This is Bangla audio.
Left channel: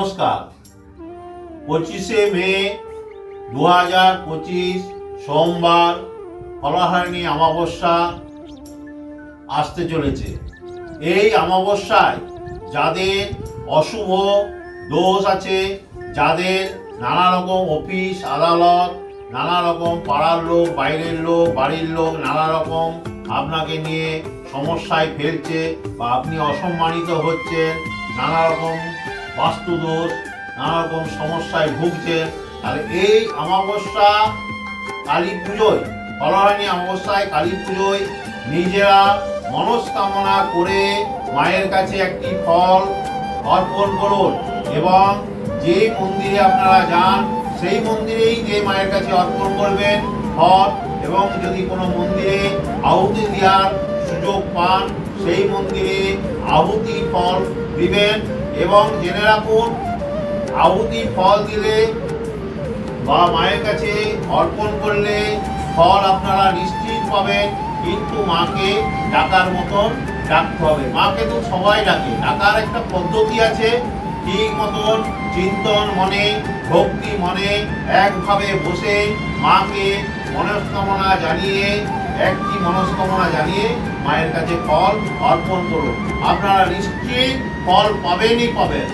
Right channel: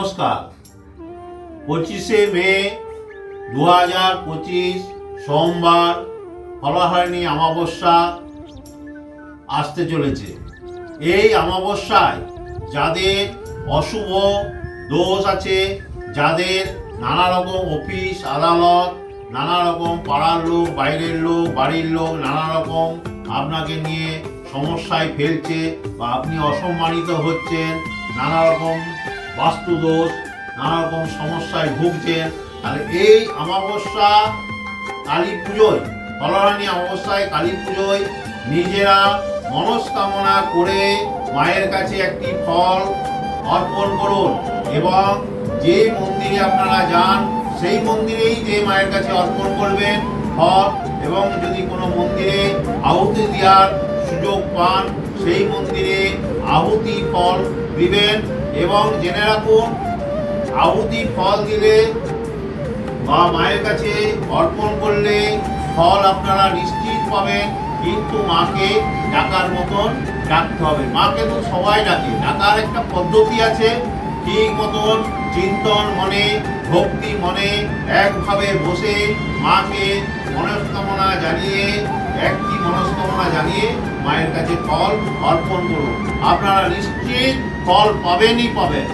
নমস্কার। 25শে মে 2025 সোমবার ফলাহারিণী অমাবস্যা আসতে চলেছে। এই অমাবস্যায় যাদের অশুভ দোষ আছে, যাদের নানা রকম অফিস আদালত, নানা রকম পাড়ার লোক, বাইরের লোক, বাড়ির লোক নানা রকম আপনাকে নিয়ে সমস্যায় ফেলছে বা আপনি অসম্মানিত হচ্ছেন, নানা রকম বাস্তুদোষ, নানা রকম সমস্যায় ভুগছেন, তাহলে এই অমাবস্যা কালী পুজোয়, ফলাহারিণী অমাবস্যায় কালী পুজোয় নিজেরা মনস্কামনা করে মায়ের কাছে একটি ফল অর্পণ করুন এবং যে মন্দিরে আপনারা যান সেই মন্দিরেই যে মায়ের কাছে অর্পণ করবেন ফল, এবং যদি কোনো মন্দিরে আহুতি দেওয়ার সুযোগ পান সেই মন্দিরে আহুতি ফল দিবেন। এবং জেনে রাখুন, আহুতি ফল দিলে বা মায়ের কাছে অর্পণ করলে ফল আপনারা নিশ্চিত পাবেন, কিন্তু মাকে ডাকার মতন ডাকতে হবে। মাকে তো সবাই ডাকে, ডাকার একটা পদ্ধতি আছে। ঠিক মতন চিন্তন মনে, ভক্তি মনে একভাবে বসে মাকে মনস্কামনা জানিয়ে, একটি মনস্কামনা জানিয়ে মায়ের কাছে ফল অর্পণ করুন। আপনারা নিশ্চিত ফল পাবেনই পাবেন।